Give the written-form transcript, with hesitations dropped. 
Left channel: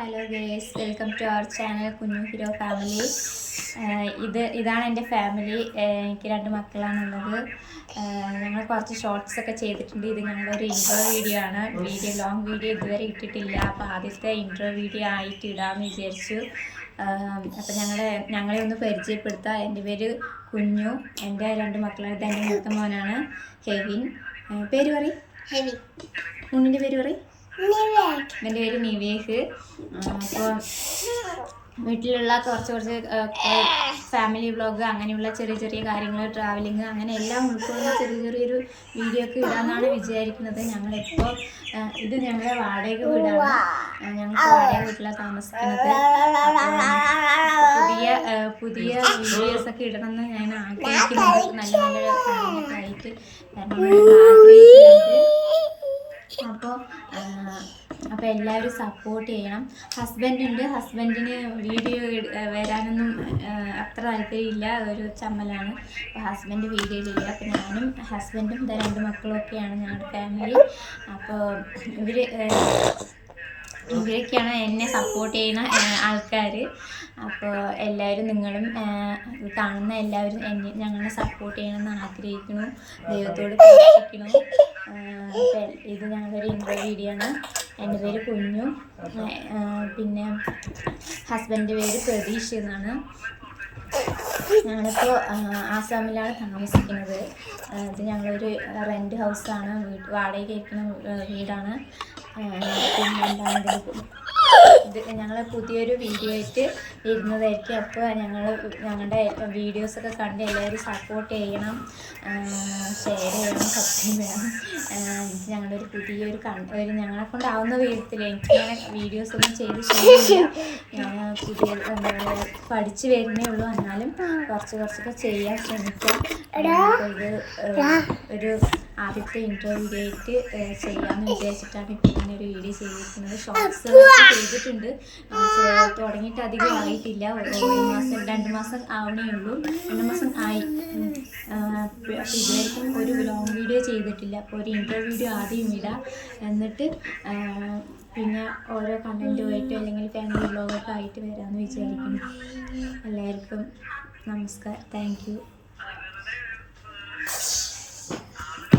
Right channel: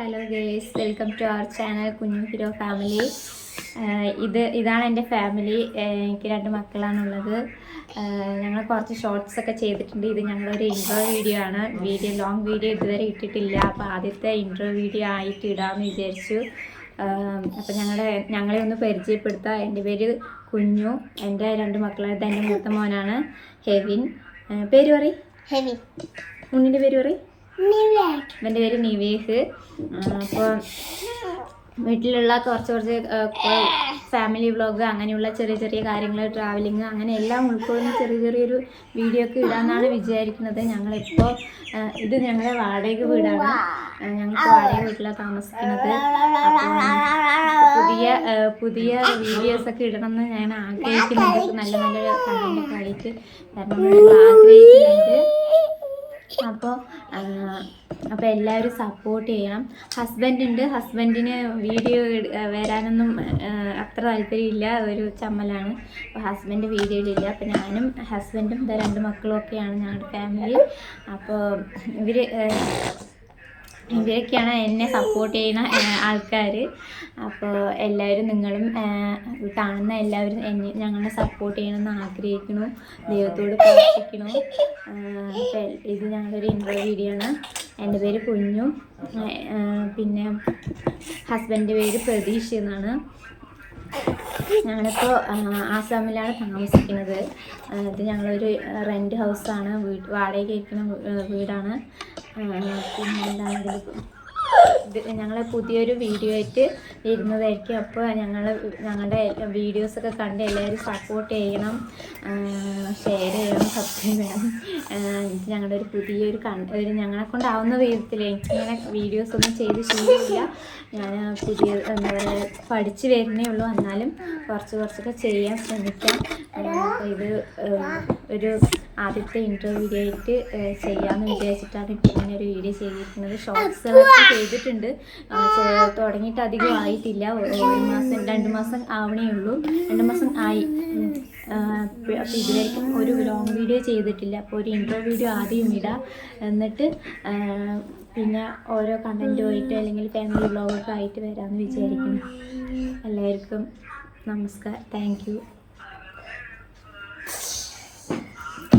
Hello guys, welcome to our channel കുഞ്ഞു hero family. ഇതാണ് എൻ്റെ ഫാമിലി. എനിക്ക് 2 മക്കളാണുള്ളത്. ഞങ്ങൾ കുറച്ച് ഷോർട്സ് ഒക്കെ ചെയ്തിട്ടുണ്ട്. ഇത് ഞങ്ങളൊരു ഇൻട്രോ വീഡിയോ ആണ്. ലോങ് വീഡിയോ ഇതുവരെ ഇട്ടിട്ടില്ല. അപ്പോൾ ആദ്യത്തെ ഇൻട്രോ വീഡിയോ ആയിട്ട് ഇടാമെന്ന് വിചാരിച്ചു. അപ്പോൾ ഞങ്ങളെ ഒന്ന് പരിചയപ്പെടുത്താം. എൻ്റെ പേര് കുഞ്ഞു. എൻ്റെ 2 മക്കളാണ്. ഇത് എൻ്റെ മൂത്ത മോനാണ് ഹെവിൻ. പേര് പറയും. ഉണ്ണിൻ്റെ പേര് പറയും. എൻ്റെ പേര് നിവേഹ്. അപ്പോൾ വീട്ടിലുള്ള കുറച്ച് ഫാമിലി വ്ളോഗ്, അങ്ങനെയുള്ള ചെറിയ കാര്യങ്ങൾ, ട്രാവലിങ്, അങ്ങനെ എല്ലാം ഉൾക്കൊള്ളുന്ന ചെറിയൊരു വീഡിയോ ഒക്കെ ഇടാമെന്നാണ് വിചാരിക്കുന്നത്. ഞങ്ങളിപ്പോൾ ഇത് ഞങ്ങളുടെ വാടക വീടാണ്. ഞങ്ങൾക്ക് വാടക വീട്ടിലാണ് താമസിക്കുന്നത്. അപ്പോൾ പുതിയ വീഡിയോസൊക്കെ ഇടണമെന്ന് ഞാൻ ആഗ്രഹിക്കുന്നുണ്ട്. നല്ല കണ്ടൻ്റൊക്കെ ആയിട്ട് വരണമെന്ന് ആഗ്രഹിക്കുന്നുണ്ട്. അപ്പോൾ എല്ലാവരും സപ്പോർട്ട് ചെയ്യണം. ഹസ്ബൻഡിന് വീഡിയോ വരാനൊന്നും അത്ര താല്പര്യമില്ല, ഒരു ചമ്മലാണ്. അപ്പോൾ ഹസ്ബൻഡ് വീഡിയോയിലില്ല. അപ്പോൾ ഞാനും ഹസ്ബൻഡും 2 മക്കളും ഒക്കെയാണ് ഞങ്ങളുടെ ഫാമിലി. അപ്പോൾ ഇവരൊക്കെയാണ് എന്നെ സപ്പോർട്ട് ചെയ്യുന്ന ആൾക്കാർ. അപ്പോൾ എല്ലാവരും, നിങ്ങളും കാണുന്ന എല്ലാവരും ഞങ്ങളെ സപ്പോർട്ട് ചെയ്യണമെന്ന് ആഗ്രഹിക്കുന്നു. ദൈവത്തോട് പ്രാർത്ഥിക്കുന്നു. അപ്പോൾ ഇത് ഞങ്ങളൊരു ഇൻട്രോ വീഡിയോ ആണ്. എൻ്റെ പേര് കുഞ്ഞു. പിന്നെ ഹസ്ബൻഡിൻ്റെ പേര് പ്രതീഷ് എന്നാണ്. ഞങ്ങളിപ്പോൾ ആസാമിലാണ് താമസിക്കുന്നത്. ഇത് ഞങ്ങളൊരു റെൻറ്റ് ഹൗസാണ്, വാടകയ്ക്ക് ഇരിക്കുന്ന വീടാണ്. പിന്നെ എന്താണ് ഞങ്ങൾ പുതിയൊരു വീഡിയോ ആയിട്ട് വരുന്നതായിരിക്കും. അപ്പോൾ ഞങ്ങളുടെ വീഡിയോസൊക്കെ കണ്ട് എല്ലാവരും സപ്പോർട്ട് ചെയ്യണം, ഷെയർ ചെയ്യണം, സബ്സ്ക്രൈബ് ചെയ്യണം. ഞങ്ങളുടെ ഒരു പുതിയൊരു ഞങ്ങളെ കൊണ്ടാവുന്ന വിധത്തിൽ, എനിക്കിങ്ങനെ വീഡിയോസൊന്നും ചെയ്ത് ശീലമില്ല. ഞാൻ എന്താ പറയുക, പഠിച്ച് വരുന്നേ ഉള്ളൂ. എന്നാലും കുറച്ചൊക്കെ ചെയ്യാൻ ശ്രമിക്കാം. അപ്പോൾ ഇത് ഒരു ആദ്യത്തെ ഇൻട്രോ വീഡിയോ ആയിട്ട് ചെയ്യാമെന്ന് വിചാരിച്ചിട്ടാണ് ഇപ്പോൾ ഇങ്ങനെ ഒരു വീഡിയോ ചെയ്തിരിക്കുന്നത്. ഷോർട്സുകളൊക്കെ ചെയ്തിട്ടുണ്ട്. തുടങ്ങിയിട്ട് അധികം ആയിട്ടില്ല. 2 മാസം ആവണേ ഉള്ളൂ. 2 മാസം ആയി. അപ്പോൾ ഇതുവരെയും ഒരു ലോങ് വീഡിയോ ചെയ്തിട്ടില്ല. അപ്പോൾ ഒരു ഇൻട്രോ വീഡിയോ ആദ്യം ഇടാം, എന്നിട്ട് പിന്നെ ഓരോ കണ്ടൻറ്റുമായിട്ട് അല്ലെങ്കിൽ ഫാമിലി വ്ളോഗൊക്കെ ആയിട്ട് വരാമെന്ന് വിചാരിക്കുന്നു. എല്ലാവർക്കും നമസ്കാരം. Thank you.